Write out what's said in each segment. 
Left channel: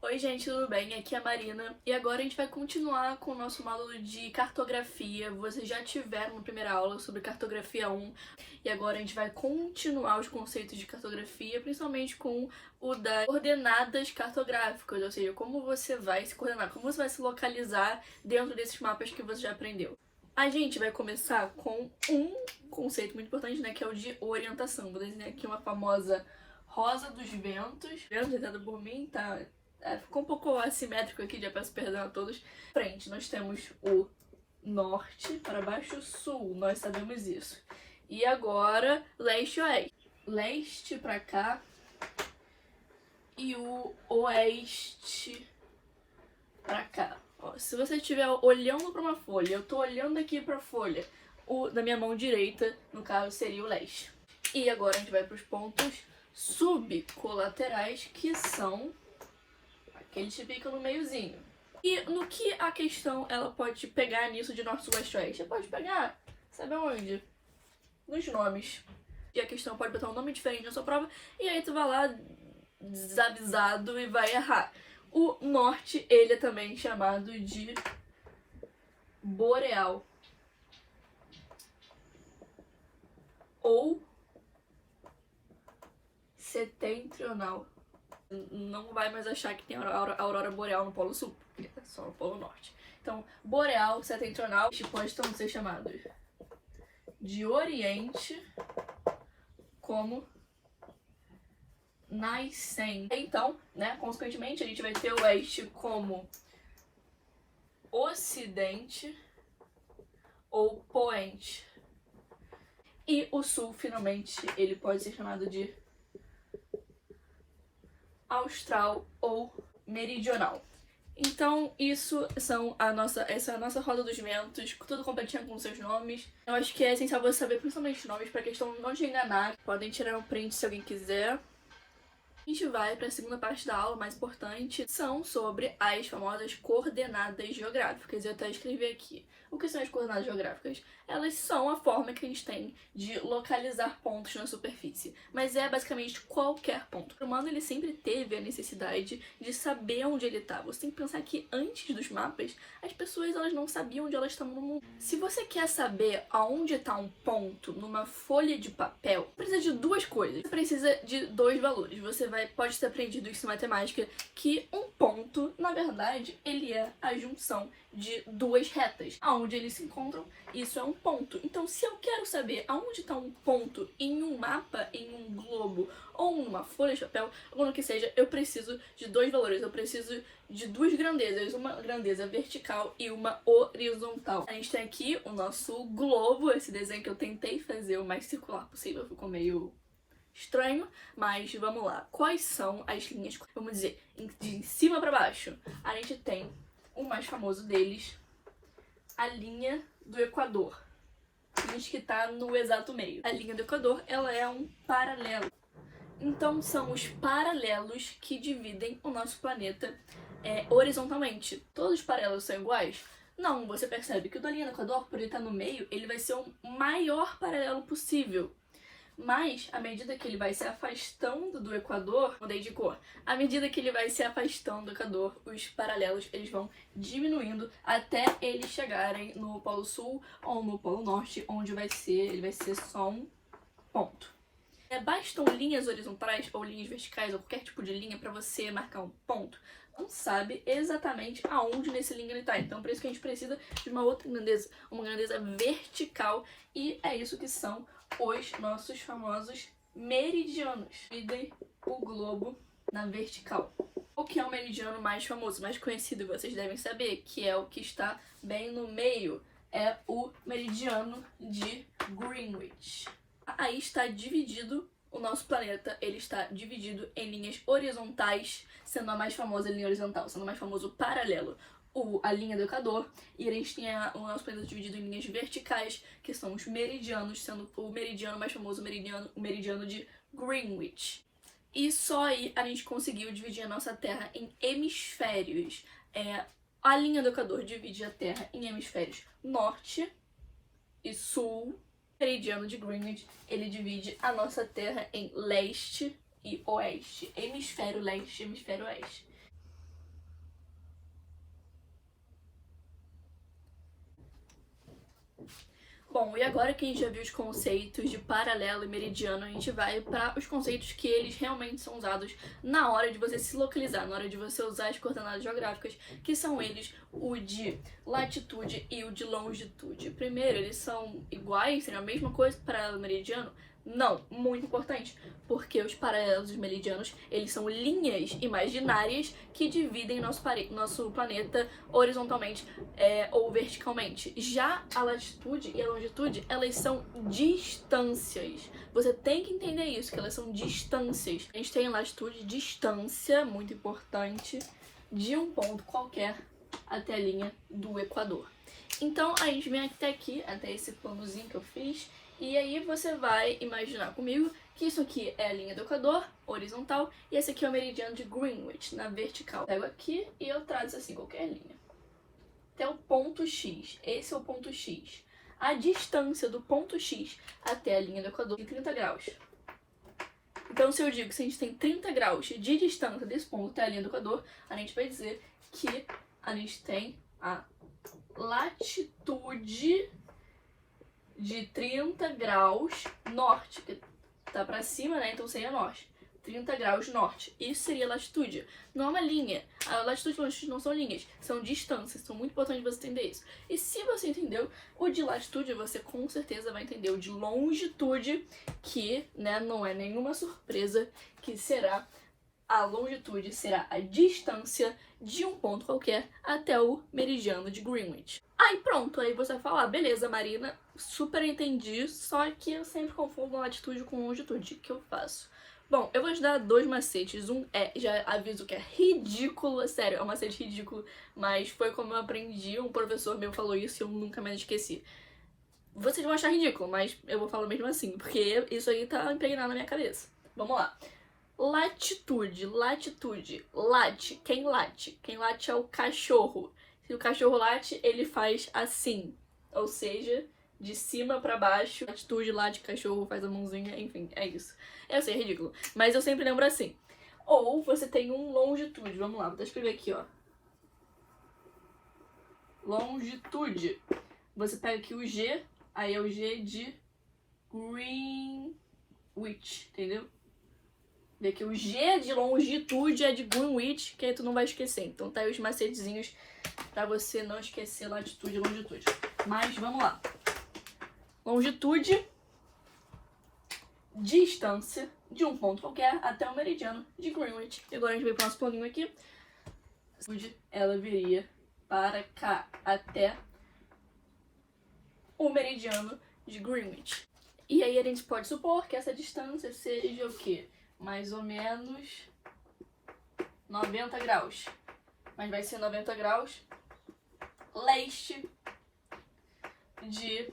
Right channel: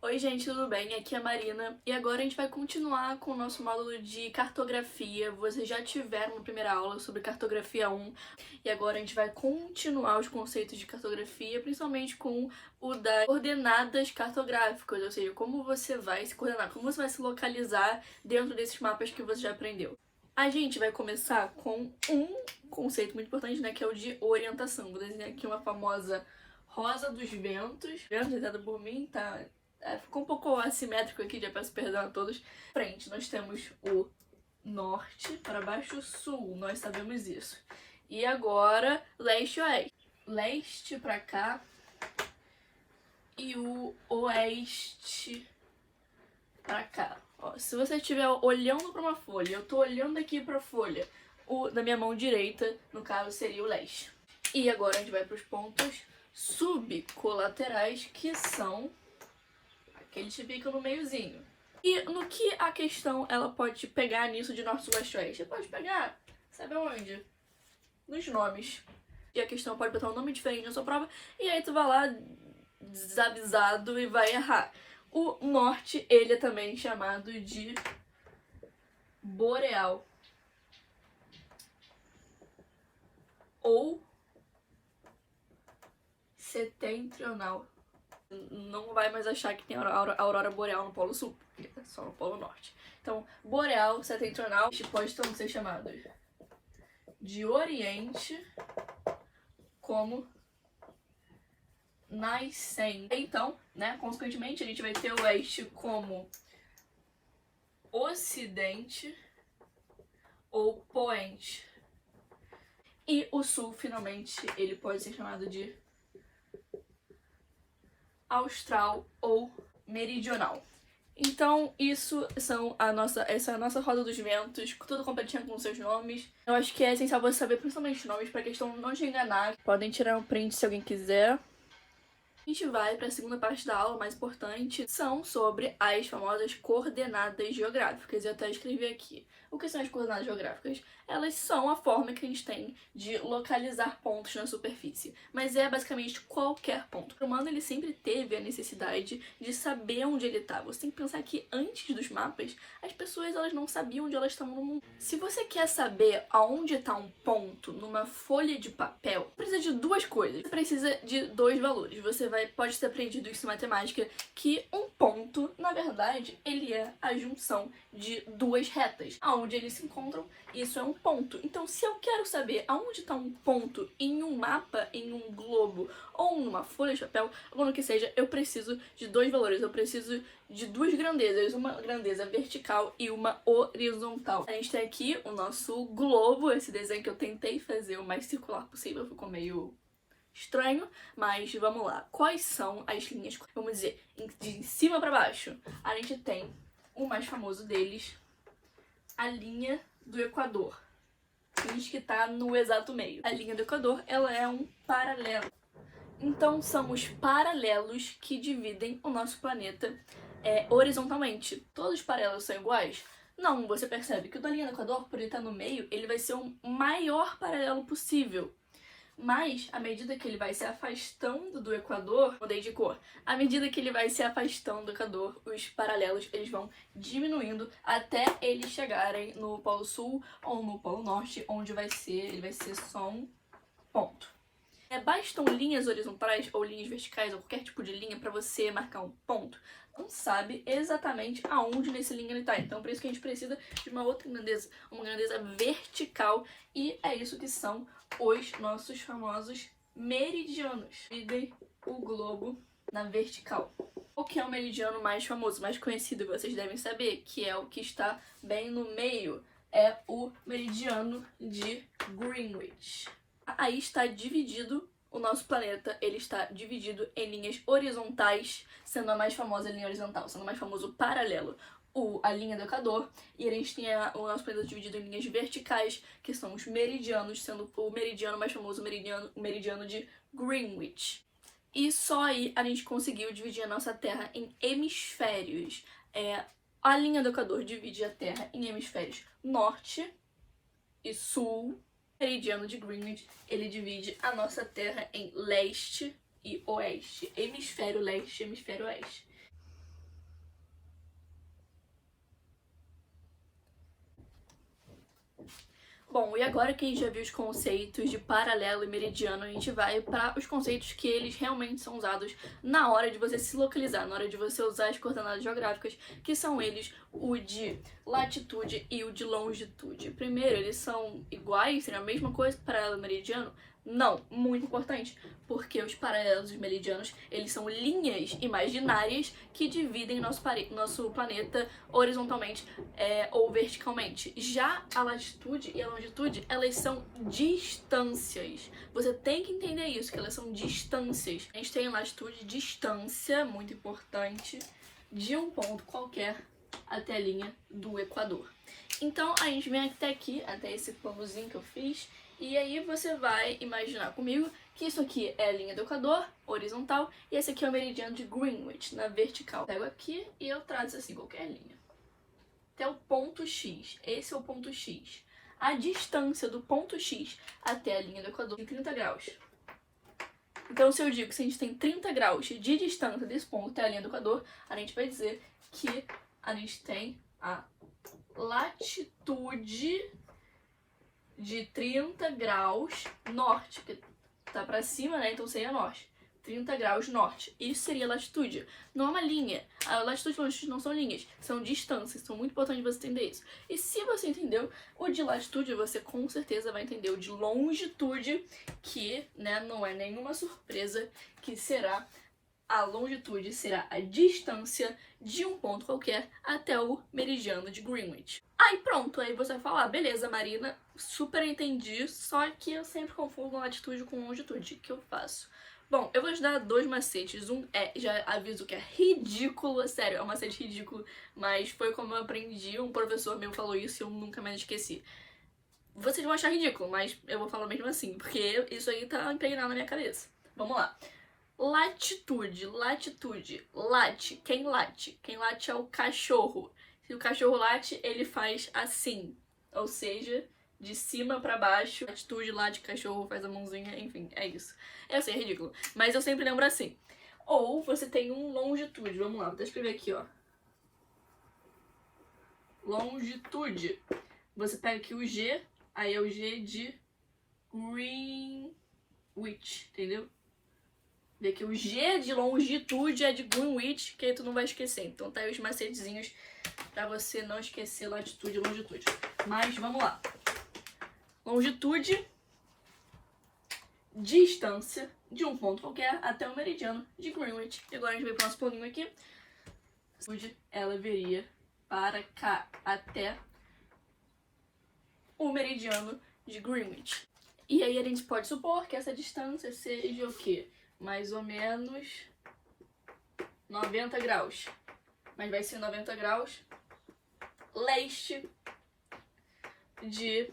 Oi gente, tudo bem? Aqui é a Marina e agora a gente vai continuar com o nosso módulo de cartografia. Vocês já tiveram na primeira aula sobre cartografia 1 e agora a gente vai continuar os conceitos de cartografia, principalmente com o das coordenadas cartográficas, ou seja, como você vai se coordenar, como você vai se localizar dentro desses mapas que você já aprendeu. A gente vai começar com um conceito muito importante, né, que é o de orientação. Vou desenhar aqui uma famosa rosa dos ventos, desenhada por mim, tá? Ficou um pouco assimétrico aqui, já peço perdão a todos. Frente, nós temos o norte, para baixo, sul, nós sabemos isso. E agora, leste e oeste. Leste para cá e o oeste para cá. Ó, se você estiver olhando para uma folha, eu tô olhando aqui para a folha, o da minha mão direita, no caso, seria o leste. E agora a gente vai para os pontos subcolaterais, que são aqueles que ficam no meiozinho. E no que a questão ela pode pegar nisso de norte, sul, leste, oeste? Pode pegar, sabe onde? Nos nomes. E a questão pode botar um nome diferente na sua prova, e aí tu vai lá desavisado e vai errar. O norte, ele é também chamado de boreal. Ou setentrional. Não vai mais achar que tem aurora boreal no Polo Sul, porque é só no Polo Norte. Então, boreal, setentrional, pode então ser chamado de Oriente como nascente. Então, né, consequentemente, a gente vai ter o Oeste como Ocidente ou Poente. E o Sul, finalmente, ele pode ser chamado de Austral ou Meridional. Então, essa é a nossa roda dos ventos, tudo completinho com seus nomes. Eu acho que é essencial você saber principalmente os nomes, para a questão não te enganar. Podem tirar um print se alguém quiser. A gente vai para a segunda parte da aula, mais importante, são sobre as famosas coordenadas geográficas. Eu até escrevi aqui. O que são as coordenadas geográficas? Elas são a forma que a gente tem de localizar pontos na superfície, mas é basicamente qualquer ponto. O humano ele sempre teve a necessidade de saber onde ele está. Você tem que pensar que antes dos mapas, as pessoas elas não sabiam onde elas estavam no mundo. Se você quer saber aonde está um ponto numa folha de papel, precisa de duas coisas. Você precisa de dois valores. Você pode ter aprendido isso em matemática, que um ponto, na verdade, ele é a junção de duas retas. Aonde eles se encontram, isso é um ponto. Então, se eu quero saber aonde está um ponto em um mapa, em um globo ou numa folha de papel, ou no que seja, eu preciso de dois valores. Eu preciso de duas grandezas, uma grandeza vertical e uma horizontal. A gente tem aqui o nosso globo, esse desenho que eu tentei fazer o mais circular possível, ficou meio estranho, mas vamos lá. Quais são as linhas, vamos dizer, de cima para baixo? A gente tem o mais famoso deles, a linha do Equador. Diz que está no exato meio. A linha do Equador, ela é um paralelo. Então, são os paralelos que dividem o nosso planeta horizontalmente. Todos os paralelos são iguais? Não, você percebe que o da linha do Equador, por ele estar no meio, ele vai ser o maior paralelo possível. Mas, à medida que ele vai se afastando do Equador, mudei de cor, à medida que ele vai se afastando do Equador, os paralelos eles vão diminuindo até eles chegarem no Polo Sul ou no Polo Norte, onde ele vai ser só um ponto. Bastam linhas horizontais ou linhas verticais ou qualquer tipo de linha para você marcar um ponto. Não sabe exatamente aonde nessa linha ele está. Então, por isso que a gente precisa de uma outra grandeza, uma grandeza vertical. E é isso que são os nossos famosos meridianos. Dividem o globo na vertical. O que é o meridiano mais famoso, mais conhecido, vocês devem saber, que é o que está bem no meio. É o meridiano de Greenwich. Aí está dividido o nosso planeta, ele está dividido em linhas horizontais, sendo a mais famosa a linha horizontal, sendo o mais famoso o paralelo, a linha do Equador, e a gente tem o nosso planeta dividido em linhas verticais, que são os meridianos, sendo o meridiano mais famoso o meridiano de Greenwich. E só aí a gente conseguiu dividir a nossa Terra em hemisférios. A linha do Equador divide a Terra em hemisférios norte e sul, meridiano de Greenwich, ele divide a nossa Terra em leste e oeste, hemisfério leste e hemisfério oeste. Bom, e agora que a gente já viu os conceitos de paralelo e meridiano, a gente vai para os conceitos que eles realmente são usados na hora de você se localizar, na hora de você usar as coordenadas geográficas, que são eles o de latitude e o de longitude. Primeiro, eles são iguais, seriam a mesma coisa, paralelo e meridiano? Não, muito importante, porque os paralelos e meridianos, eles são linhas imaginárias que dividem nosso planeta horizontalmente ou verticalmente. Já a latitude e a longitude, elas são distâncias. Você tem que entender isso, que elas são distâncias. A gente tem latitude, distância, muito importante, de um ponto qualquer até a linha do Equador. Então, a gente vem até aqui, até esse planozinho que eu fiz, e aí você vai imaginar comigo que isso aqui é a linha do Equador, horizontal, e esse aqui é o meridiano de Greenwich, na vertical. Pego aqui e eu traço assim qualquer linha. Até o ponto X. Esse é o ponto X. A distância do ponto X até a linha do Equador é 30 graus. Então, se eu digo que se a gente tem 30 graus de distância desse ponto até a linha do Equador, a gente vai dizer que a gente tem a latitude de 30 graus norte, que tá pra cima, né? Então seria norte. 30 graus norte. Isso seria latitude. Não é uma linha. A latitude e longitude não são linhas, são distâncias. São muito importante você entender isso. E se você entendeu o de latitude, você com certeza vai entender o de longitude, que, né, não é nenhuma surpresa, que será a longitude, será a distância de um ponto qualquer até o meridiano de Greenwich. Aí pronto, aí você vai falar, beleza, Marina, super entendi, só que eu sempre confundo latitude com longitude. O que eu faço? Bom, eu vou te dar dois macetes. Um já aviso que é ridículo, sério, é um macete ridículo, mas foi como eu aprendi, um professor meu falou isso e eu nunca mais esqueci. Vocês vão achar ridículo, mas eu vou falar mesmo assim, porque isso aí tá impregnado na minha cabeça. Vamos lá. Latitude, late, quem late? Quem late é o cachorro. Se o cachorro late, ele faz assim, ou seja, de cima pra baixo. Latitude, late, cachorro, faz a mãozinha, enfim, é isso. Eu sei, é ridículo, mas eu sempre lembro assim. Ou você tem um longitude, vamos lá, vou escrever aqui, ó. Longitude. Você pega aqui o G, aí é o G de Greenwich, entendeu? Vê que o G de longitude é de Greenwich, que aí tu não vai esquecer. Então tá aí os macetezinhos pra você não esquecer latitude e longitude. Mas vamos lá. Longitude, distância de um ponto qualquer até o meridiano de Greenwich. E agora a gente vem pro nosso planinho aqui. Ela viria para cá até o meridiano de Greenwich. E aí a gente pode supor que essa distância seja o quê? Mais ou menos 90 graus. Mas vai ser 90 graus leste de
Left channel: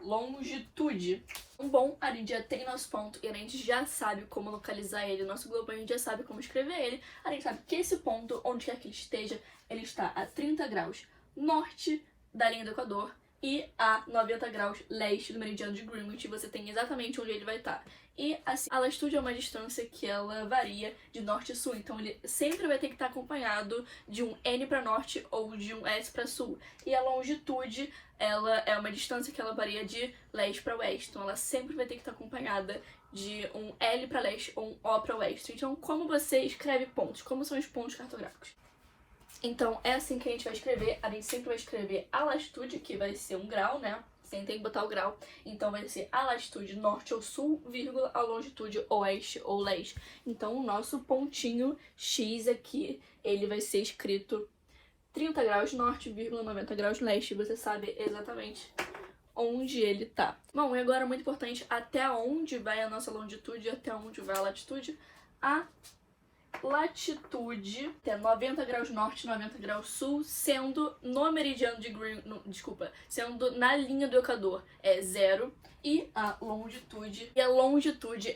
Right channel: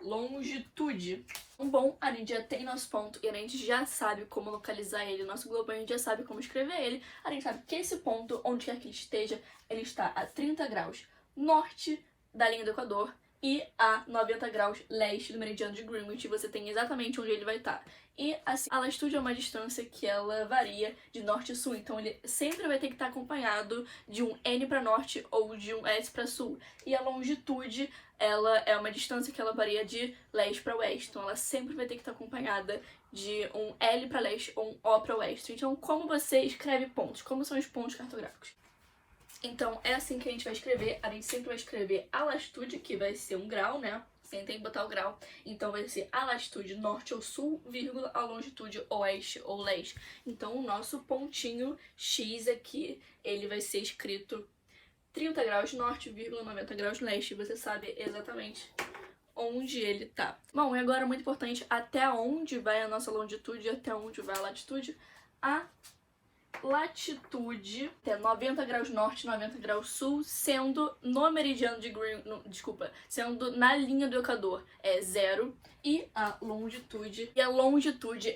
longitude. Bom, a gente já tem nosso ponto e a gente já sabe como localizar ele. O nosso globo, a gente já sabe como escrever ele. A gente sabe que esse ponto, onde quer que ele esteja, ele está a 30 graus norte da linha do Equador e a 90 graus leste do meridiano de Greenwich. Você tem exatamente onde ele vai estar. E assim, a latitude é uma distância que ela varia de norte a sul, então ele sempre vai ter que estar acompanhado de um N para norte ou de um S para sul. E a longitude, ela é uma distância que ela varia de leste para oeste, então ela sempre vai ter que estar acompanhada de um L para leste ou um O para oeste. Então, como você escreve pontos? Como são os pontos cartográficos? Então, é assim que a gente vai escrever. A gente sempre vai escrever a latitude, que vai ser um grau, né? Sem ter que botar o grau. Então, vai ser a latitude norte ou sul, vírgula, a longitude oeste ou leste. Então, o nosso pontinho X aqui, ele vai ser escrito 30 graus norte, vírgula, 90 graus leste. Você sabe exatamente onde ele tá. Bom, e agora, muito importante, até onde vai a nossa longitude e até onde vai a latitude? A latitude é 90 graus norte, 90 graus sul, sendo no meridiano de sendo na linha do Equador é 0, e a longitude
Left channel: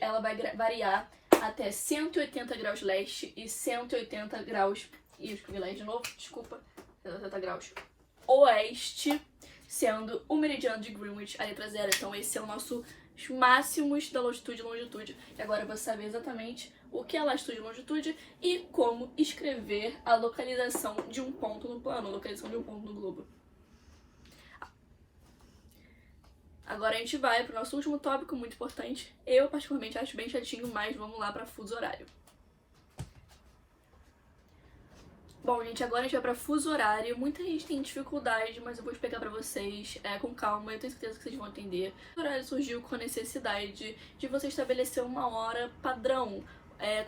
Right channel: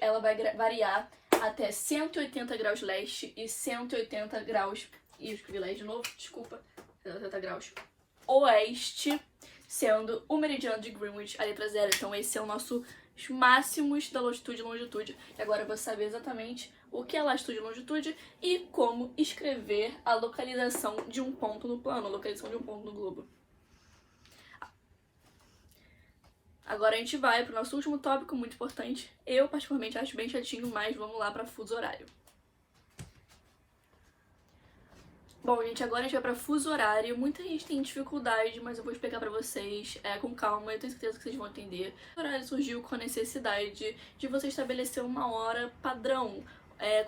ela vai variar até 180 graus leste e 180 graus, e eu escrevi leste de novo, desculpa, 180 graus oeste, sendo o meridiano de Greenwich a letra 0. Então esse é o nosso máximos da latitude e longitude. E agora eu vou saber exatamente o que é latitude e longitude e como escrever a localização de um ponto no plano, a localização de um ponto no globo. Agora a gente vai para o nosso último tópico, muito importante. Eu particularmente acho bem chatinho, mas vamos lá para fuso horário. Bom, gente, agora a gente vai para fuso horário. Muita gente tem dificuldade, mas eu vou explicar para vocês com calma. Eu tenho certeza que vocês vão entender. O fuso horário surgiu com a necessidade de você estabelecer uma hora padrão.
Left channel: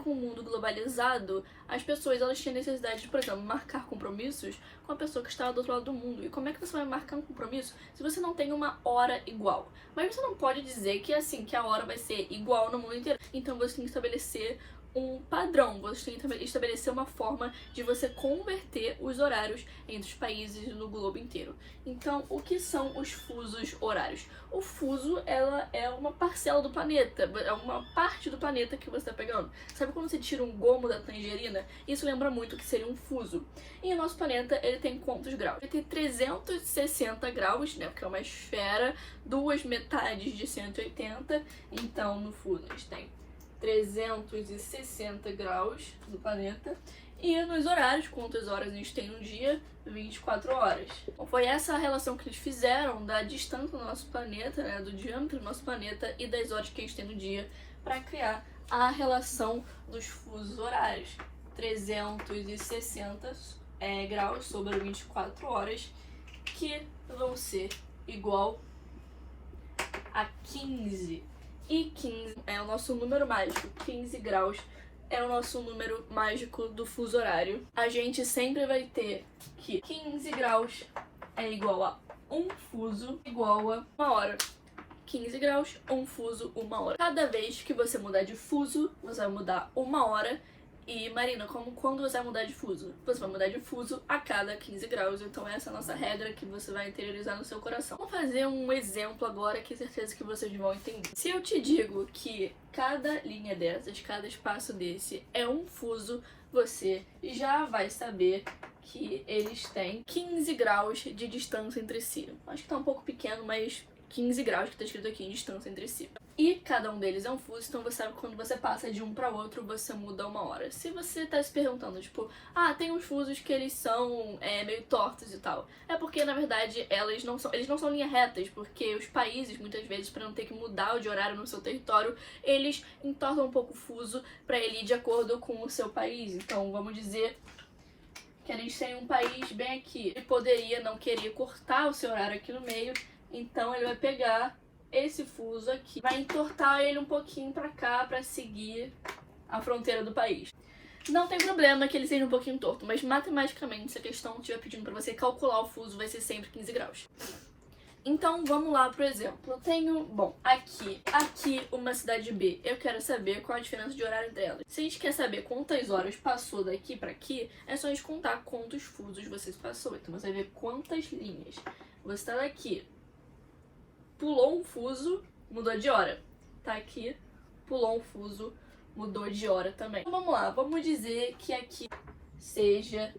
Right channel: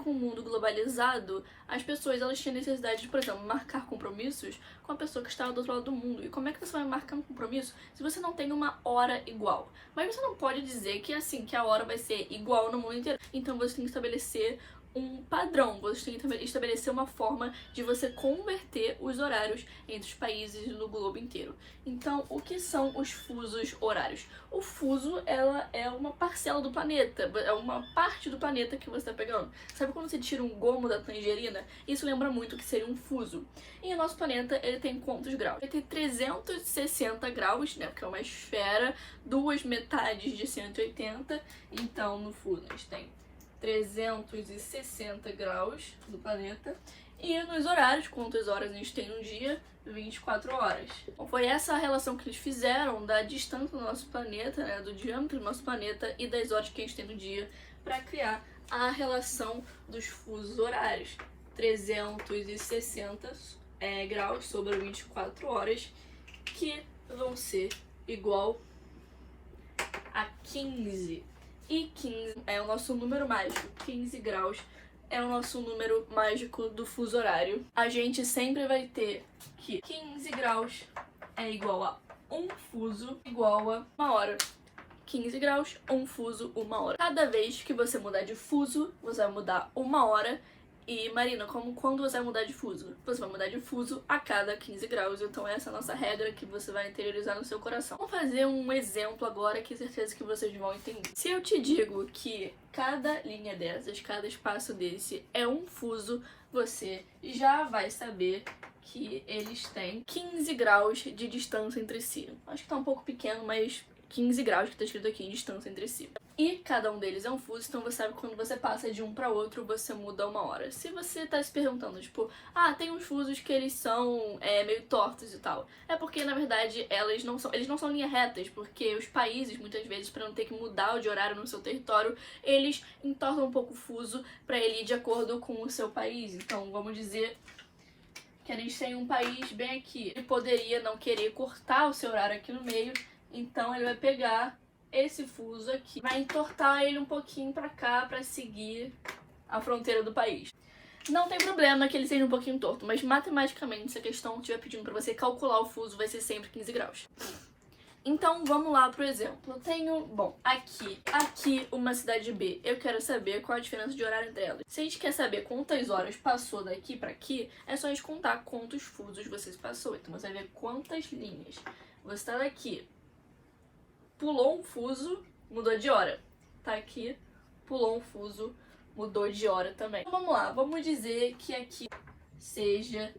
Com o mundo globalizado, as pessoas elas têm necessidade de, por exemplo, marcar compromissos com a pessoa que está do outro lado do mundo. E como é que você vai marcar um compromisso se você não tem uma hora igual? Mas você não pode dizer que que a hora vai ser igual no mundo inteiro. Então você tem que estabelecer um padrão, você tem que estabelecer uma forma de você converter os horários entre os países no globo inteiro. Então, o que são os fusos horários? O fuso, ela é uma parcela do planeta, é uma parte do planeta que você está pegando. Sabe quando você tira um gomo da tangerina? Isso lembra muito que seria um fuso. E o nosso planeta, ele tem quantos graus? Ele tem 360 graus, né, porque é uma esfera, duas metades de 180, então no fuso a gente tem 360 graus do planeta. E nos horários, quantas horas a gente tem no dia? 24 horas. Então, foi essa a relação que eles fizeram da distância do nosso planeta, né, do diâmetro do nosso planeta e das horas que a gente tem no dia, para criar a relação dos fusos horários. 360 graus sobre 24 horas, que vão ser igual a 15. E 15 é o nosso número mágico. 15 graus é o nosso número mágico do fuso horário. A gente sempre vai ter que 15 graus é igual a um fuso igual a uma hora. 15 graus, um fuso, uma hora. Cada vez que você mudar de fuso, você vai mudar uma hora. E, Marina, quando você vai mudar de fuso? Você vai mudar de fuso a cada 15 graus. Então essa é a nossa regra que você vai interiorizar no seu coração. Vou fazer um exemplo agora que certeza que vocês vão entender. Se eu te digo que cada linha dessas, cada espaço desse é um fuso, você já vai saber que eles têm 15 graus de distância entre si. Acho que tá um pouco pequeno, mas 15 graus que tá escrito aqui, distância entre si. E cada um deles é um fuso, então você sabe que quando você passa de um para outro, você muda uma hora. Se você tá se perguntando, tipo, tem uns fusos que eles são meio tortos e tal. É porque, na verdade, eles não são linhas retas, porque os países, muitas vezes, para não ter que mudar de horário no seu território, eles entortam um pouco o fuso para ele ir de acordo com o seu país. Então, vamos dizer que a gente tem um país bem aqui. Ele poderia não querer cortar o seu horário aqui no meio, então ele vai pegar esse fuso aqui, vai entortar ele um pouquinho pra cá pra seguir a fronteira do país. Não tem problema que ele seja um pouquinho torto, mas matematicamente, se a questão estiver pedindo pra você calcular o fuso, vai ser sempre 15 graus. Então vamos lá pro exemplo. Eu tenho, aqui uma cidade B. Eu quero saber qual a diferença de horário entre elas. Se a gente quer saber quantas horas passou daqui pra aqui, é só a gente contar quantos fusos você passou. Então você vai ver quantas linhas. Você está daqui, pulou um fuso, mudou de hora. Tá aqui, pulou um fuso, mudou de hora também. Então, vamos lá, vamos dizer que aqui seja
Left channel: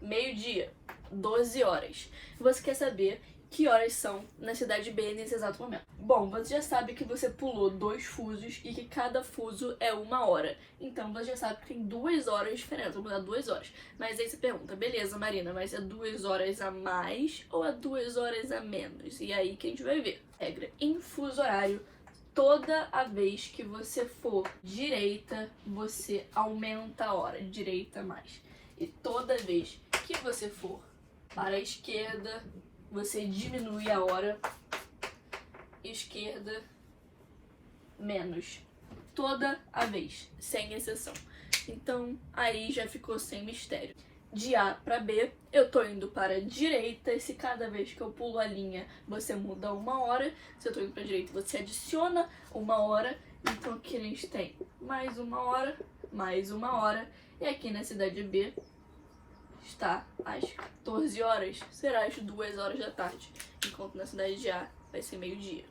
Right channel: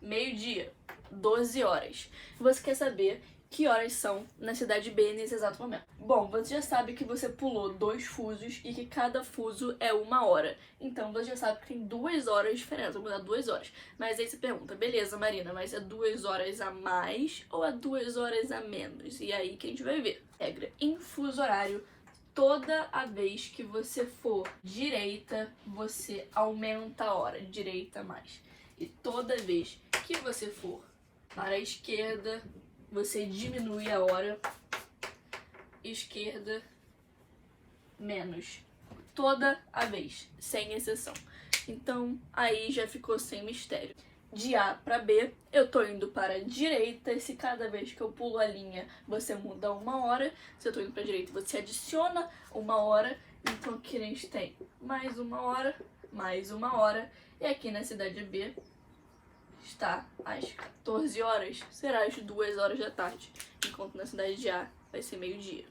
meio-dia, 12 horas. Você quer saber que horas são na cidade B nesse exato momento. Bom, você já sabe que você pulou 2 fusos e que cada fuso é 1 hora. Então você já sabe que tem 2 horas de diferença, vou mudar 2 horas. Mas aí você pergunta, beleza, Marina, mas é 2 horas a mais ou é 2 horas a menos? E aí que a gente vai ver. Regra, em fuso horário, toda a vez que você for direita, você aumenta a hora, direita mais. E toda vez que você for para a esquerda, você diminui a hora, esquerda, menos. Toda a vez, sem exceção. Então, aí já ficou sem mistério. De A para B, eu tô indo para a direita, e se cada vez que eu pulo a linha, você muda 1 hora. Se eu tô indo para a direita, você adiciona 1 hora. Então, aqui a gente tem mais 1 hora, mais 1 hora. E aqui na cidade B, está às 14 horas, será às 2 horas da tarde, enquanto na cidade de A vai ser meio-dia.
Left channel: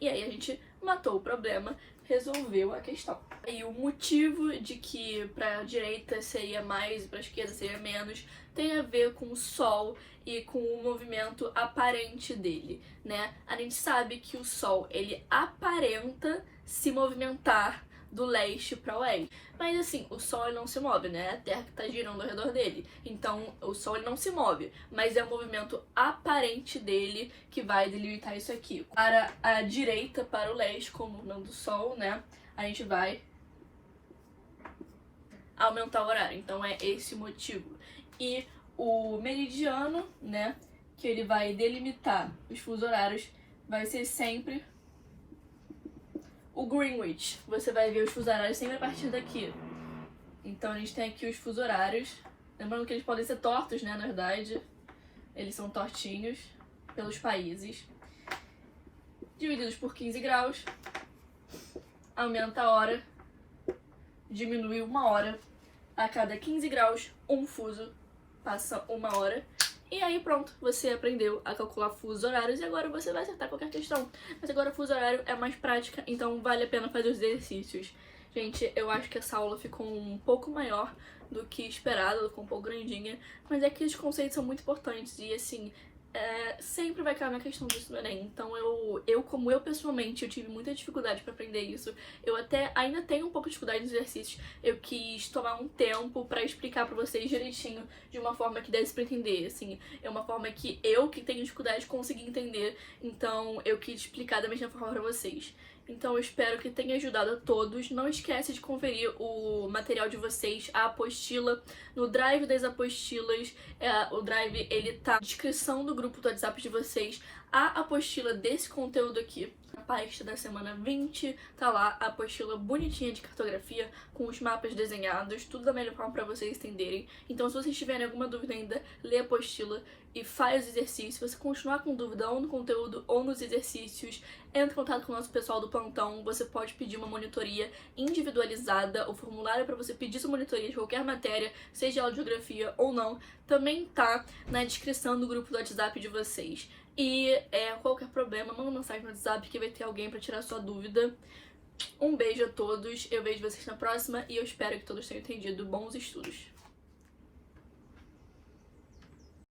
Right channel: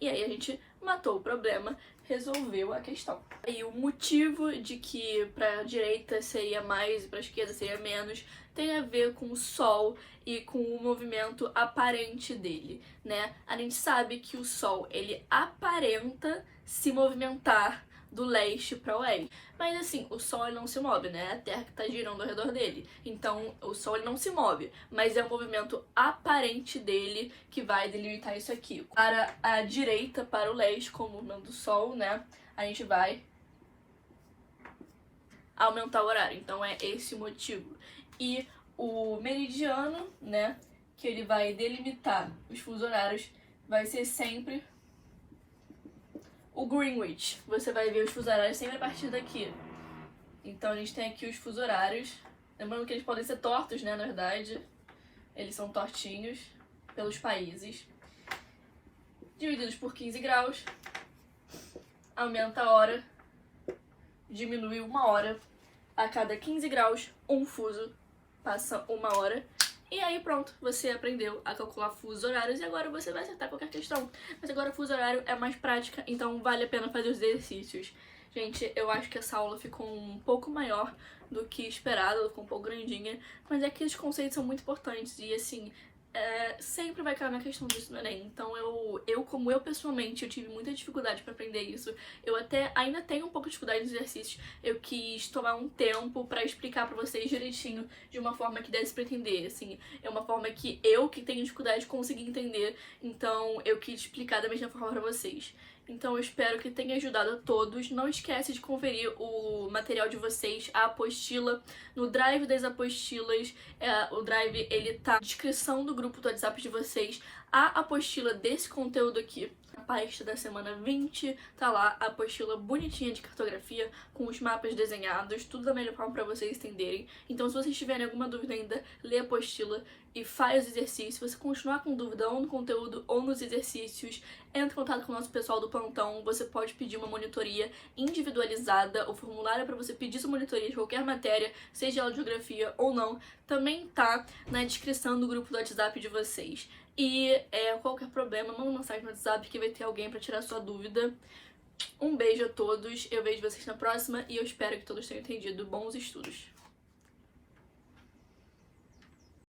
E aí a gente matou o problema, resolveu a questão. E o motivo de que para a direita seria mais e para a esquerda seria menos tem a ver com o Sol e com o movimento aparente dele, né? A gente sabe que o Sol, ele aparenta se movimentar do leste para o oeste. Mas assim, o Sol ele não se move, né? É a Terra que está girando ao redor dele. Então, o Sol ele não se move, mas é o movimento aparente dele que vai delimitar isso aqui. Para a direita, para o leste, com o movimento do Sol, né? A gente vai aumentar o horário. Então, é esse o motivo. E o meridiano, né? Que ele vai delimitar os fusos horários, vai ser sempre o Greenwich. Você vai ver os fusos horários sempre a partir daqui. Então a gente tem aqui os fusos horários. Lembrando que eles podem ser tortos, né, na verdade. Eles são tortinhos pelos países. Divididos por 15 graus. Aumenta a hora. Diminui 1 hora. A cada 15 graus, um fuso passa 1 hora. E aí pronto, você aprendeu a calcular fusos horários e agora você vai acertar qualquer questão. Mas agora o fuso horário é mais prática, então vale a pena fazer os exercícios. Gente, eu acho que essa aula ficou um pouco maior do que esperado, ficou um pouco grandinha, mas é que os conceitos são muito importantes e assim, sempre vai cair uma questão disso no Enem. Então como eu pessoalmente, eu tive muita dificuldade para aprender isso. Eu até ainda tenho um pouco de dificuldade nos exercícios. Eu quis tomar um tempo para explicar para vocês direitinho, de uma forma que desse para entender, assim. É uma forma que tenho dificuldade consegui entender, então eu quis explicar da mesma forma para vocês. Então eu espero que tenha ajudado a todos. Não esquece de conferir o material de vocês, a apostila, no Drive das apostilas. O Drive, ele tá na descrição do grupo do WhatsApp de vocês. A apostila desse conteúdo aqui, a pasta da semana 20, tá lá a apostila bonitinha de cartografia, com os mapas desenhados, tudo da melhor forma pra vocês entenderem. Então se vocês tiverem alguma dúvida ainda, lê a apostila e faz os exercícios. Se você continuar com dúvida ou no conteúdo ou nos exercícios, entre em contato com o nosso pessoal do plantão. Você pode pedir uma monitoria individualizada. O formulário é para você pedir sua monitoria de qualquer matéria, seja ela de geografia ou não, também tá na descrição do grupo do WhatsApp de vocês. E qualquer problema, manda uma mensagem no WhatsApp que vai ter alguém para tirar sua dúvida. Um beijo a todos, eu vejo vocês na próxima e eu espero que todos tenham entendido. Bons estudos!